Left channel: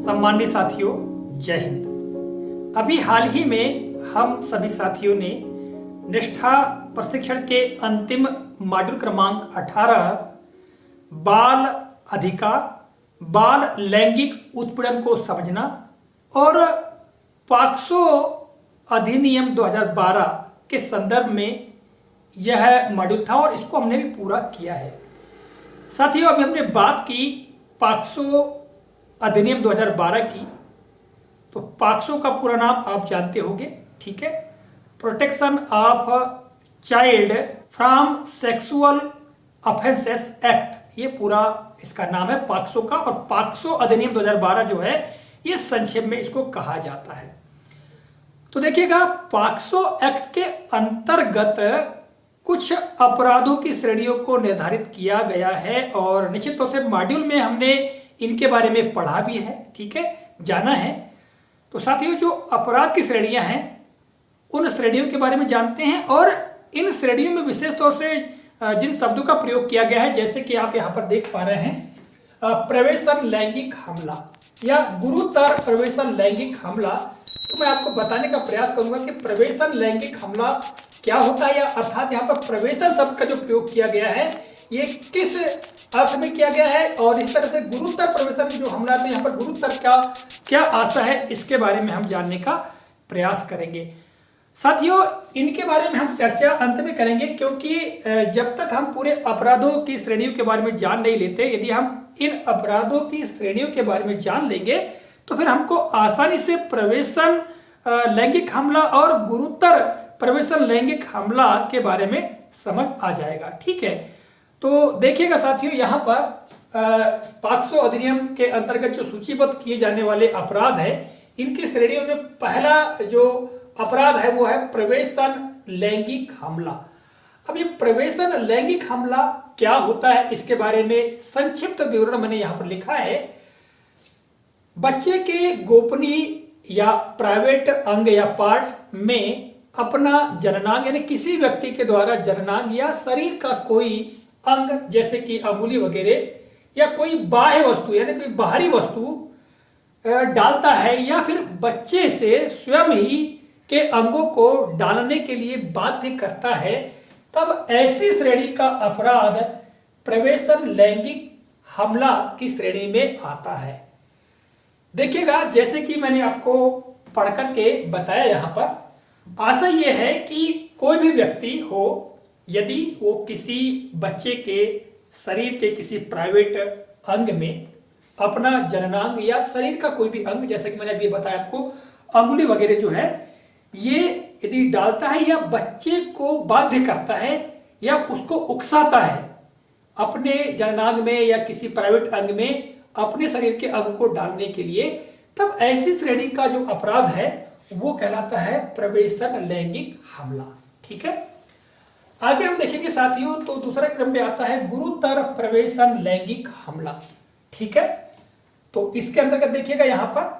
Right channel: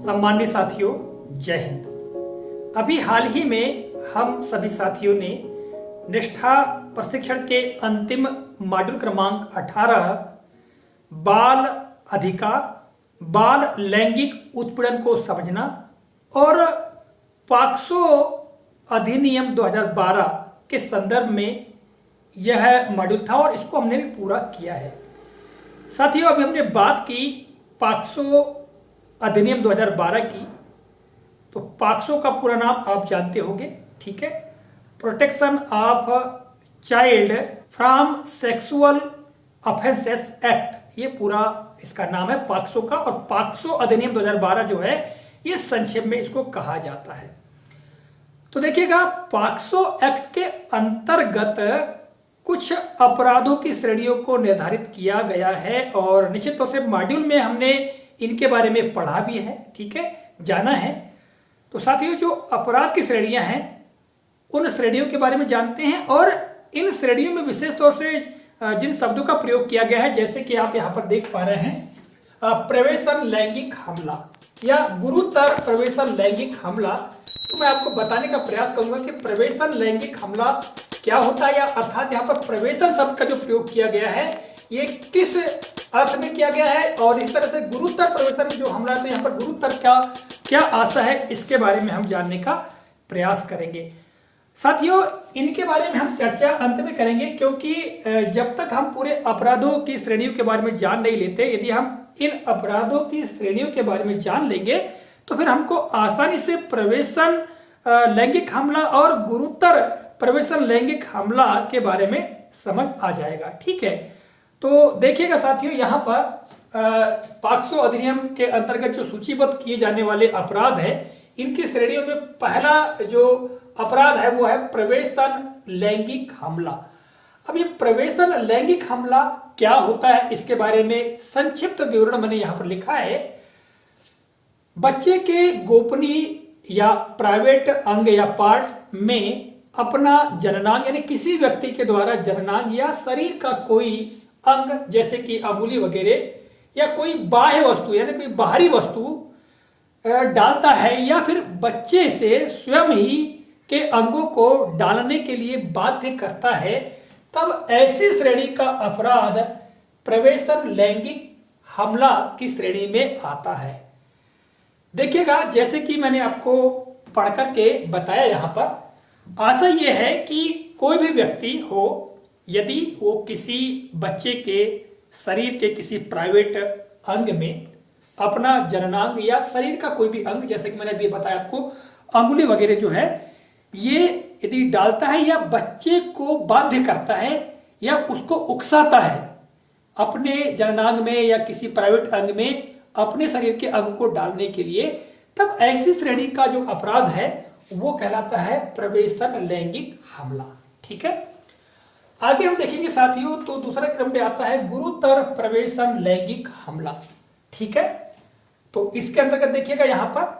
सम्मानित साथियों, जय हिंद। अभी हाल ही में हम सभी साथियों ने निष्ठा प्रशिक्षण के अंतिम मॉड्यूल क्रमांक 18 बाल अधिकार, बाल लैंगिक उत्पीड़न को समझना और पॉक्सो अधिनियम 2012 के संदर्भ में यह मॉड्यूल था और इसको हमने भी पूरा किया है। साथियों, अभी हमने बात की पॉक्सो अधिनियम 2012 की। तो पॉक्सो का पूरा नाम आप जानते होंगे, ठीक है? Protection of child from sexual offences act, ये पूरा इसका नाम है पॉक्सो का। और पॉक्सो अधिनियम 2012 जो है ये संक्षेप में इसको कहा जाता है। तो देखिएगा, पॉक्सो एक्ट के अंतर्गत कुछ अपराधों की श्रेणियों को निर्धारित किया गया है और निश्चित तौर से मॉड्यूल में हमने इनके बारे में पढ़ा भी है, ठीक है, जाना है। तो साथियों, जो अपराध की श्रेणियां हैं उन श्रेणियों के बारे में जानते हैं और इन श्रेणियों में विशेष तौर से जिन शब्दों का प्रयोग किया गया है, जैसे कि आप यहां पर देख पा रहे हैं, प्रवेशन लैंगिक हमला या गुरुतर प्रवेशन लैंगिक हमला। तो मैं आपको बताने का प्रयास करूंगा कि प्रवेशन लैंगिक हमला क्या होता है, या अर्थात यहाँ पर प्रवेशन शब्द का जो प्रयोग किया गया है ये किस अर्थ में किया गया है, और इस तरह से गुरुतर प्रवेशन जो हमला है यहाँ पर गुरुतर का क्या आशा है, इसके बारे में हम जानने का प्रयास करेंगे। साथियों, इनके बारे में हम चर्चा अंत में करेंगे, क्योंकि जब तक हम पूरे अपराधों की श्रेणियों के बारे में जान नहीं लेते, यदि हम इन अपराधों की श्रेणियों के बारे में जान लेंगे तो फिर हमको आसानी से प्रवेशन लैंगिक हमला और गुरुतर प्रवेशन लैंगिक हमला के बारे में समझ आ जाएगा, ठीक है? तो देखिएगा साथियों, यहाँ पर पॉक्सो अधिनियम के अंतर्गत जो सूचीबद्ध किए जाने वाले अपराध है, इनकी श्रेणियों में पहला जो अपराध है वो है प्रवेशन लैंगिक हमला। अब ये प्रवेशन लैंगिक हमला क्या होता है, इसके बारे में संक्षिप्त विवरण मैंने यहाँ पर लिखा है। बच्चे के गोपनीय या प्राइवेट अंग या पार्ट में अपना जननांग, यानी किसी व्यक्ति के द्वारा जननांग या शरीर का कोई अंग जैसे कि अंगुली वगैरह या कोई बाह्य वस्तु यानी कोई बाहरी वस्तु डालता है, या फिर बच्चे से स्वयं ही के अंगों को डालने के लिए बाध्य करता है, तब ऐसी श्रेणी का अपराध प्रवेशन लैंगिक हमला की श्रेणी में आता है। देखिएगा, जैसे कि मैंने आपको पढ़ करके बताया, यहाँ पर आशा यह है कि कोई भी व्यक्ति हो, यदि वो किसी बच्चे के शरीर के किसी प्राइवेट अंग में अपना जननांग या शरीर का कोई भी अंग, जैसे कि मैंने अभी बताया आपको, अंगुली वगैरह जो है, ये यदि डालता है या बच्चे को बाध्य करता है या उसको उकसाता है अपने जननांग में या किसी प्राइवेट अंग में अपने शरीर के अंग को डालने के लिए, तब ऐसी श्रेणी का जो अपराध है वो कहलाता है प्रवेशन लैंगिक हमला, ठीक है? आगे हम देखेंगे साथियों, तो दूसरा क्रम में आता है गुरुतर प्रवेशन लैंगिक हमला, ठीक है? तो इसके अंतर्गत देखिएगा, यहाँ पर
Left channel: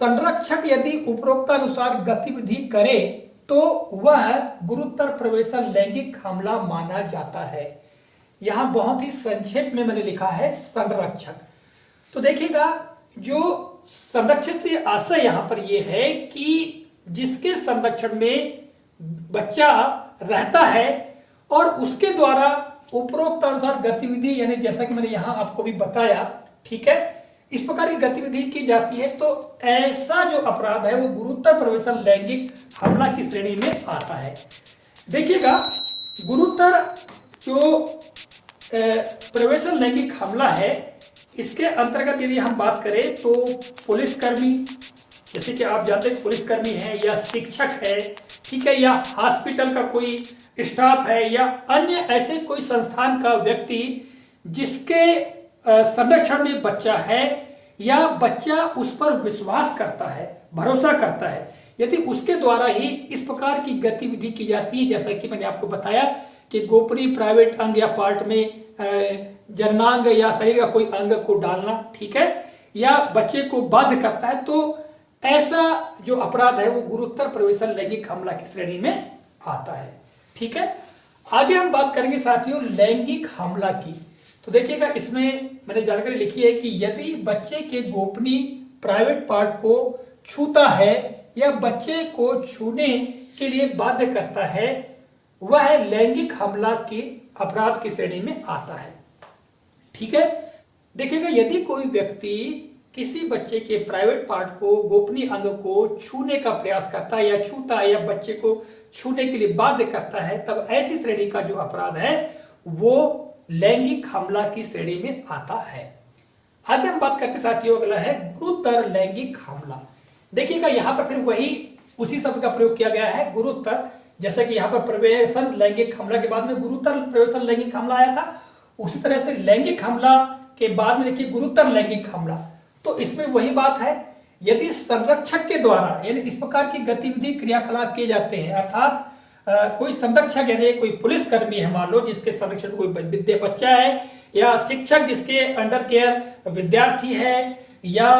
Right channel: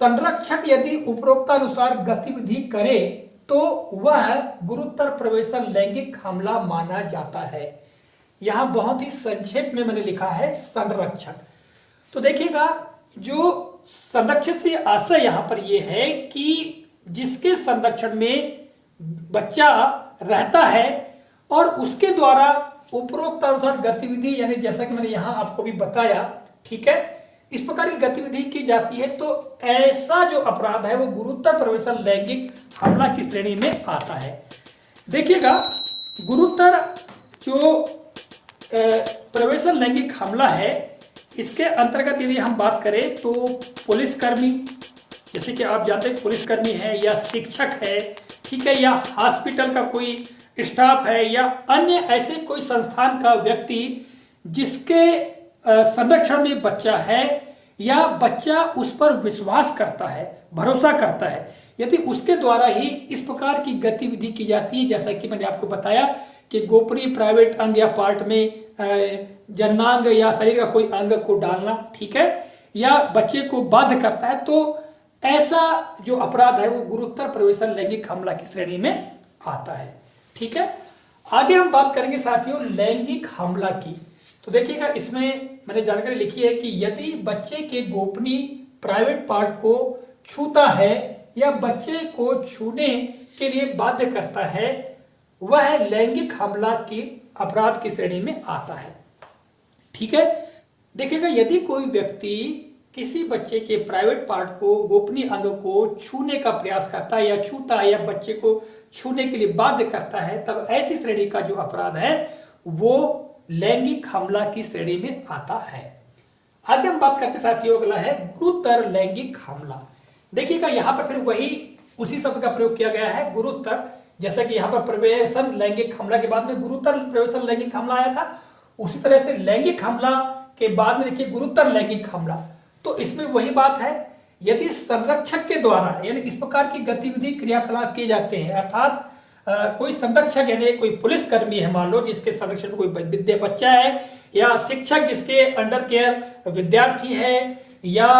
संरक्षक यदि उपरोक्तानुसार गतिविधि करे तो वह गुरुतर प्रवेशन लैंगिक हमला माना जाता है। यहां बहुत ही संक्षेप में मैंने लिखा है संरक्षक। तो देखिएगा, जो संरक्षक से आशय यहां पर यह है कि जिसके संरक्षण में बच्चा रहता है और उसके द्वारा उपरोक्त अनुसार गतिविधि, यानी जैसा कि मैंने यहां आपको भी बताया, ठीक है, इस प्रकार की गतिविधि की जाती है, तो ऐसा जो अपराध है वो गुरुतर प्रवेशन लैंगिक हमला की श्रेणी में आता है। देखिएगा, गुरुतर जो प्रवेशन लैंगिक हमला है, इसके अंतर्गत यदि हम बात करें तो पुलिसकर्मी, जैसे कि आप जानते हैं पुलिसकर्मी है या शिक्षक है, ठीक है, या हॉस्पिटल का कोई स्टाफ है या अन्य ऐसे कोई संस्थान का व्यक्ति जिसके संरक्षण में बच्चा है या बच्चा उस पर विश्वास करता है, भरोसा करता है, यदि उसके द्वारा ही इस प्रकार की गतिविधि की जाती है, जैसा कि मैंने आपको बताया कि गोपनीय प्राइवेट अंग या पार्ट में जननांग या शरीर का कोई अंग को डालना, ठीक है, या बच्चे को बाध्य करता है, तो ऐसा जो अपराध है वो गुरुतर प्रवेशन लैंगिक हमला की श्रेणी में आता है, ठीक है? आगे हम बात करेंगे साथियों लैंगिक हमला की। तो देखिएगा, इसमें मैंने जानकारी लिखी है कि यदि बच्चे के गोपनीय प्राइवेट पार्ट को छूता है या बच्चे को छूने के लिए बाध्य करता है, वह लैंगिक हमला के अपराध की श्रेणी में आता है। ठीक है, देखिएगा, यदि कोई व्यक्ति किसी बच्चे के प्राइवेट पार्ट को, गोपनीय अंग को छूने का प्रयास करता है या छूता है या बच्चे को छूने के लिए बाध्य करता है, तब ऐसी श्रेणी का जो अपराध है वो लैंगिक हमला की श्रेणी में आता है। आगे हम बात करते साथियों, अगला है गुरुतर लैंगिक हमला। देखिएगा, यहां पर फिर वही उसी शब्द का प्रयोग किया गया है, गुरुतर। जैसा कि यहां पर प्रवेशन लैंगिक हमला के बाद में गुरुतर प्रवेशन लैंगिक हमला आया था, उसी तरह से लैंगिक हमला के बाद में देखिए गुरुतर लैंगिक हमला। तो इसमें वही बात है, यदि संरक्षक के द्वारा यानी इस प्रकार की गतिविधि क्रियाकलाप किए जाते हैं, अर्थात कोई संरक्षक यानी कोई पुलिसकर्मी है मान लो, जिसके संरक्षण में कोई बच्चा है, या शिक्षक जिसके अंडर केयर विद्यार्थी है, या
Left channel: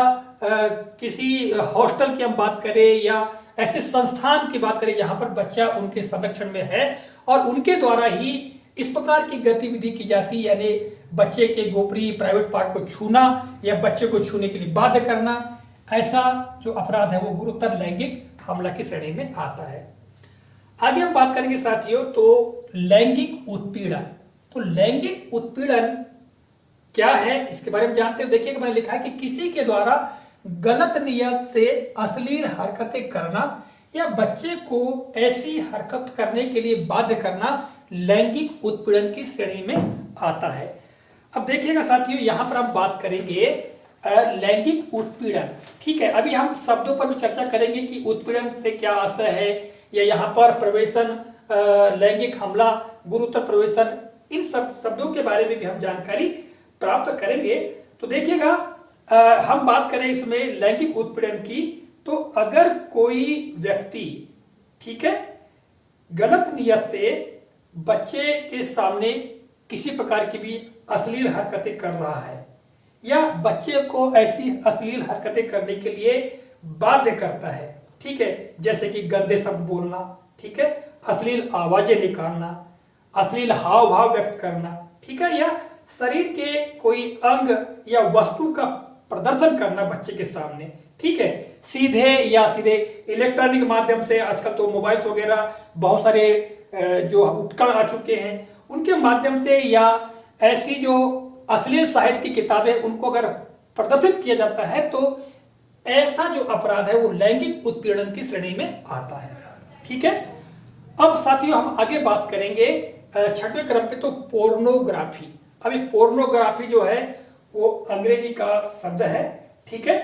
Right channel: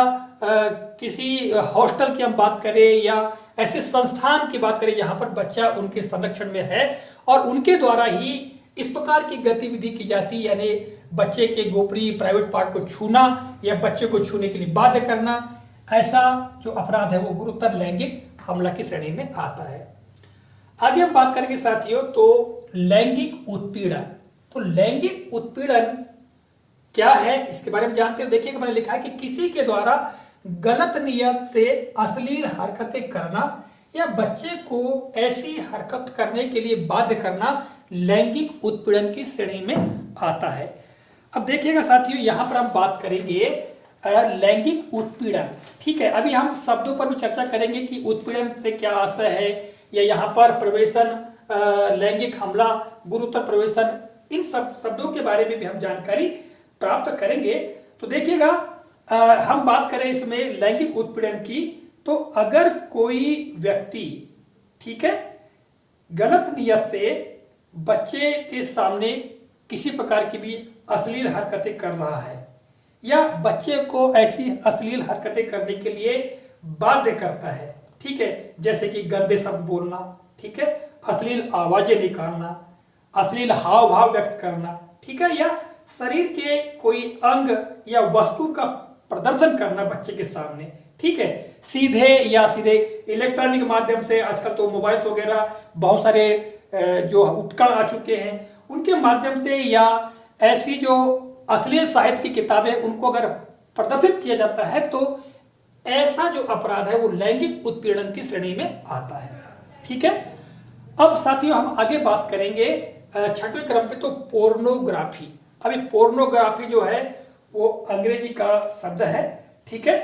किसी हॉस्टल की हम बात करें या ऐसे संस्थान की बात करें जहां पर बच्चा उनके संरक्षण में है और उनके द्वारा ही इस प्रकार की गतिविधि की जाती, यानी बच्चे के गोपनीय प्राइवेट पार्ट को छूना या बच्चे को छूने के लिए बाध्य करना, ऐसा जो अपराध है वो गुरुतर लैंगिक हमला की श्रेणी में आता है। आगे हम बात करेंगे साथियों, तो लैंगिक उत्पीड़न। तो लैंगिक उत्पीड़न क्या है इसके बारे में जानते हैं। देखिए, मैंने लिखा है कि किसी के द्वारा गलत नियत से अश्लील हरकतें करना या बच्चे को ऐसी हरकत करने के लिए बाध्य करना लैंगिक उत्पीड़न की श्रेणी में आता है। अब देखिएगा साथियों, यहां पर हम बात करेंगे लैंगिक उत्पीड़न। ठीक है, अभी हम शब्दों पर भी चर्चा करेंगे कि उत्पीड़न से क्या आशय है, या यहाँ पर प्रवेशन लैंगिक हमला, गुरुतर प्रवेशन, इन सब शब्दों के बारे में भी हम जानकारी प्राप्त करेंगे। तो देखिएगा, हम बात करें इसमें लैंगिक उत्पीड़न की, तो अगर कोई व्यक्ति, ठीक है, गलत नियत से बच्चे के सामने किसी प्रकार की भी अश्लील हरकतें कर रहा है या बच्चे को ऐसी अश्लील हरकतें करने के लिए बाध्य करता है, ठीक है, जैसे कि गंदे शब्द बोलना, ठीक है, अश्लील आवाजें निकालना, अश्लील हाव भाव व्यक्त करना, ठीक है, या शरीर के कोई अंग या वस्तु का प्रदर्शन करना बच्चे के सामने, ठीक है, सीधे या सीधे इलेक्ट्रॉनिक माध्यम से, आजकल तो मोबाइल्स वगैरह बहुत सारे जो उपकरण आ चुके हैं उनके माध्यम से, या ऐसी जो अश्लील साहित्य की किताबें उनको अगर प्रदर्शित किया जाता है, तो ऐसा जो अपराध है वो लैंगिक उत्पीड़न की श्रेणी में आता है। ठीक है, अब साथियों हम आगे बात करेंगे 6वें क्रम पे, तो पोर्नोग्राफी। अभी पोर्नोग्राफी जो है वो अंग्रेजी का शब्द है, ठीक है,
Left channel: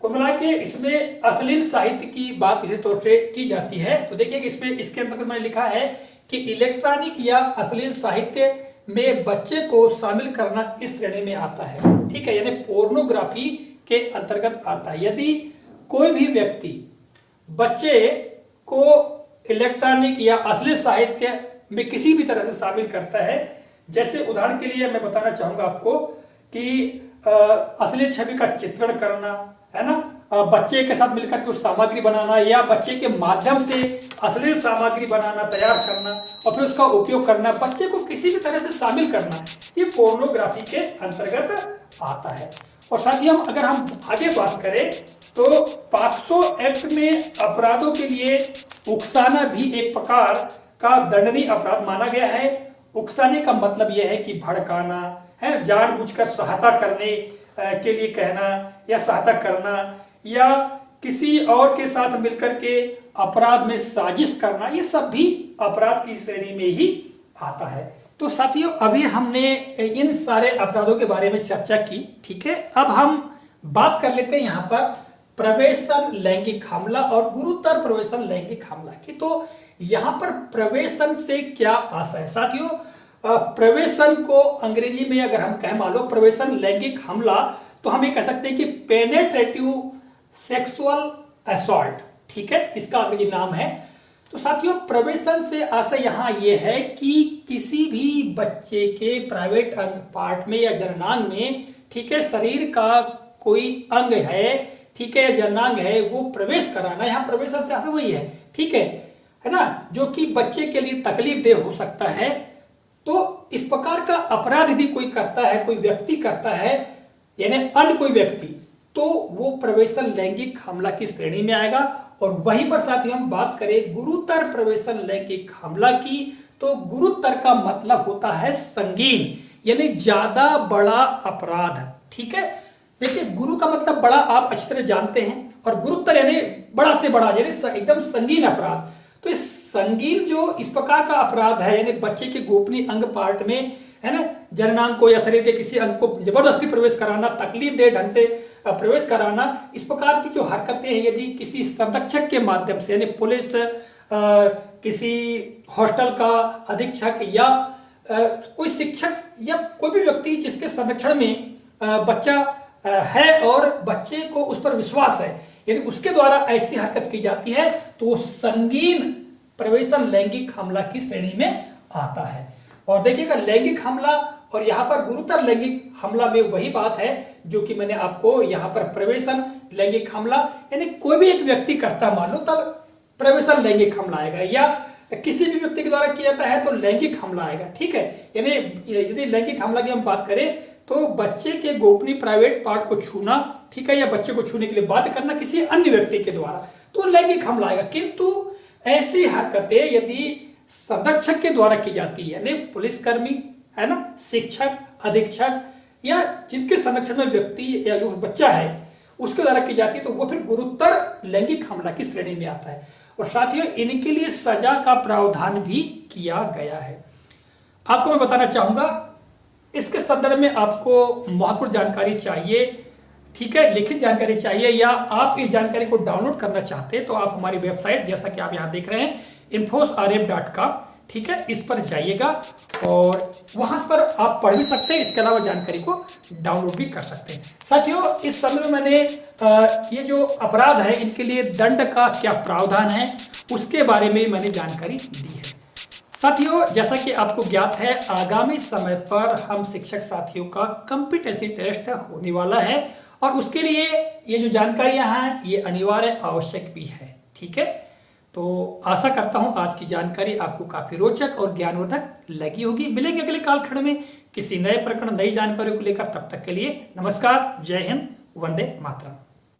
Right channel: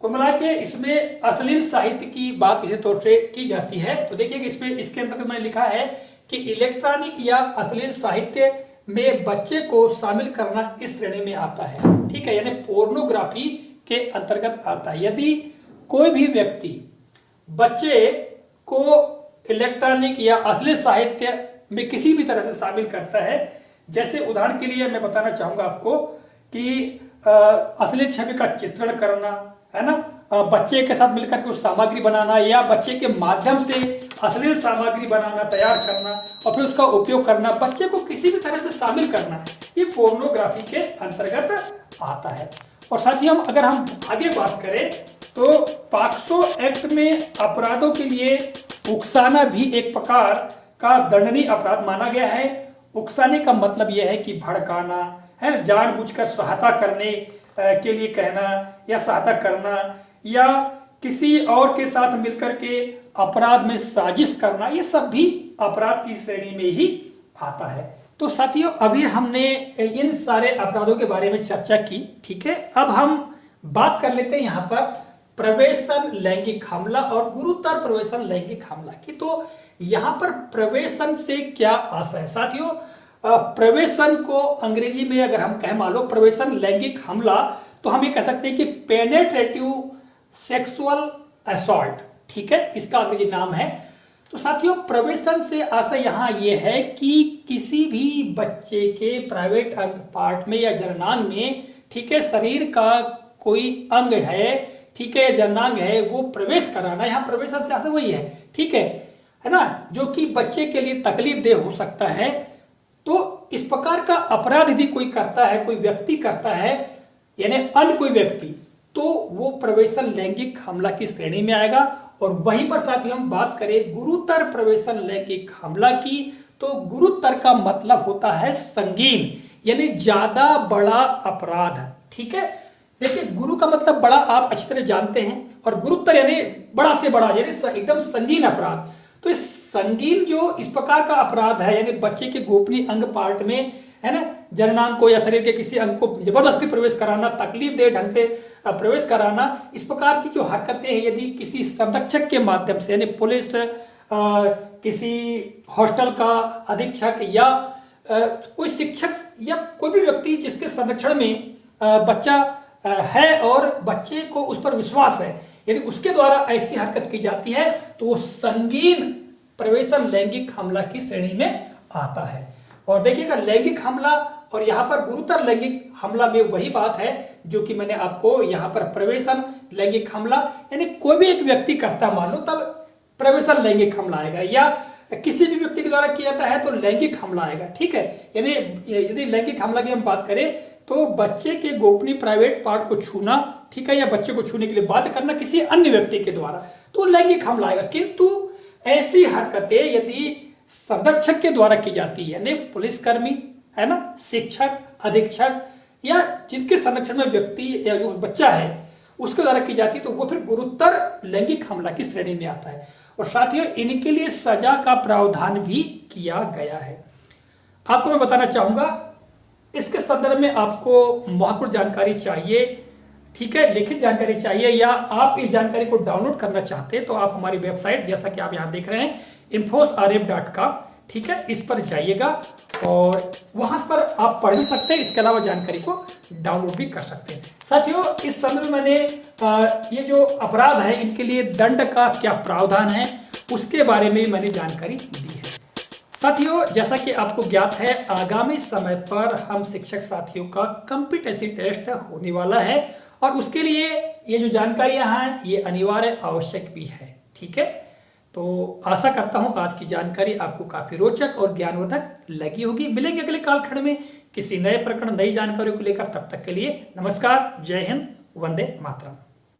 कुल मिला के इसमें अश्लील साहित्य की बात विशेष तौर से की जाती है। तो देखिए इसमें इसके अंतर्गत मैंने लिखा है कि इलेक्ट्रॉनिक या अश्लील साहित्य में बच्चे को शामिल करना इस श्रेणी में आता है, ठीक है, यानी पोर्नोग्राफी के अंतर्गत आता है। यदि कोई भी व्यक्ति बच्चे को इलेक्ट्रॉनिक या अश्लील साहित्य में किसी भी तरह से शामिल करता है, जैसे उदाहरण के लिए मैं बताना चाहूंगा आपको कि अश्लील छवि का चित्रण करना, है ना, बच्चे के साथ मिलकर कुछ सामग्री बनाना या बच्चे के माध्यम से अश्लील सामग्री बनाना, तैयार करना और फिर उसका उपयोग करना, बच्चे को किसी भी तरह से शामिल करना, ये पोर्नोग्राफी के अंतर्गत आता है। और साथ ही अगर हम आगे बात करें तो पॉक्सो एक्ट में अपराधों के लिए उकसाना भी एक प्रकार का दंडनीय अपराध माना गया है। उकसाने का मतलब यह है कि भड़काना, है, जानबूझकर सहायता करने के लिए कहना या सहायता करना, या किसी और के साथ मिलकर के अपराध में साजिश करना, ये सब भी अपराध की श्रेणी में ही आता है। तो साथियों, अभी हमने इन सारे अपराधों के बारे में चर्चा की, ठीक है। अब हम बात कर लेते हैं यहाँ पर प्रवेशन लैंगिक हमला और गुरुतर प्रवेशन लैंगिक हमला की। तो यहाँ पर प्रवेशन से क्या आशय है साथियों? प्रवेशन को अंग्रेजी में अगर हम कहें, मान लो प्रवेशन लैंगिक हमला, तो हम ये कह सकते हैं कि पेनेट्रेटिव सेक्सुअल असॉल्ट, ठीक है, इसका अंग्रेजी नाम है। तो साथियों, प्रवेशन से आशय यहाँ ये है कि किसी भी बच्चे के प्राइवेट अंग पार्ट में या जननांग में, ठीक है, शरीर का कोई अंग है, ठीक है, जननांग है, वो प्रवेश कराना, यहाँ प्रवेशन से आशय वही है, ठीक है ना, जो कि बच्चे के लिए तकलीफ देह हो सकता है। तो इस प्रकार का अपराध यदि कोई करता है, कोई व्यक्ति करता है, यानी अन्य कोई व्यक्ति, तो वो प्रवेशन लैंगिक हमला की श्रेणी में आएगा। और वहीं पर साथ ही हम बात करें गुरुतर प्रवेशन लैंगिक हमला की, तो गुरुतर का मतलब होता है संगीन, यानी ज्यादा बड़ा अपराध। ठीक है, देखिए गुरु का मतलब बड़ा आप अच्छी तरह जानते हैं, और गुरुतर यानी बड़ा से बड़ा, यानी एकदम संगीन अपराध। तो इस संगीन जो इस प्रकार का अपराध है, यानी बच्चे के गोपनीय अंग पार्ट में, है ना, जननांग को या शरीर के किसी अंग को जबरदस्ती प्रवेश कराना, तकलीफ दे ढंग से प्रवेश कराना, इस प्रकार की जो हरकतें हैं यदि किसी संरक्षक के माध्यम से, यानी पुलिस, किसी हॉस्टल का अधीक्षक या कोई शिक्षक या कोई भी व्यक्ति जिसके संरक्षण में बच्चा है और बच्चे को उस पर विश्वास है, यदि उसके द्वारा ऐसी हरकत की जाती है तो वो संगीन प्रवेशन लैंगिक हमला की श्रेणी में आता है। और देखिएगा लैंगिक हमला और यहाँ पर गुरुतर लैंगिक हमला में वही बात है जो कि मैंने आपको यहाँ पर प्रवेशन लैंगिक हमला, यानी कोई भी एक व्यक्ति करता मान लो तब प्रवेशन लैंगिक हमला आएगा, या किसी भी व्यक्ति के द्वारा किया जाता है तो लैंगिक हमला आएगा। ठीक है, यानी यदि लैंगिक हमला की हम बात करें तो बच्चे के गोपनीय प्राइवेट पार्ट को छूना, ठीक है, या बच्चे को छूने के लिए बाध्य करना किसी अन्य व्यक्ति के द्वारा, तो लैंगिक हमला आएगा। किंतु ऐसी हरकतें यदि संरक्षक के द्वारा की जाती है, यानी पुलिसकर्मी, है ना, शिक्षक, अधीक्षक या जिनके संरक्षण में व्यक्ति या जो बच्चा है उसके द्वारा की जाती है, तो वो फिर गुरुतर लैंगिक हमला की श्रेणी में आता है। और साथियों इनके लिए सजा का प्रावधान भी किया गया है। आपको मैं बताना चाहूंगा, इसके संदर्भ में आपको महत्वपूर्ण जानकारी चाहिए, ठीक है, लिखित जानकारी चाहिए, या आप इस जानकारी को डाउनलोड करना चाहते हैं तो आप हमारी वेबसाइट, जैसा कि आप यहां देख रहे हैं infosrf.com, ठीक है, इस पर जाइएगा और वहां पर आप पढ़ भी सकते हैं, इसके अलावा जानकारी को डाउनलोड भी कर सकते हैं। साथियों इस समय में मैंने ये जो अपराध है इनके लिए दंड का क्या प्रावधान है उसके बारे में मैंने जानकारी दी है। साथियों जैसा कि आपको ज्ञात है आगामी समय पर हम शिक्षक साथियों का कॉम्पिटेंसी टेस्ट होने वाला है, और उसके लिए ये जो जानकारियां हैं ये अनिवार्य आवश्यक भी है। ठीक है, तो आशा करता हूं आज की जानकारी आपको काफी रोचक और ज्ञानवर्धक लगी होगी। मिलेंगे अगले कालखंड में किसी नए प्रकरण, नई जानकारियों को लेकर। तब तक के लिए नमस्कार, जय हिंद, वंदे मातरम।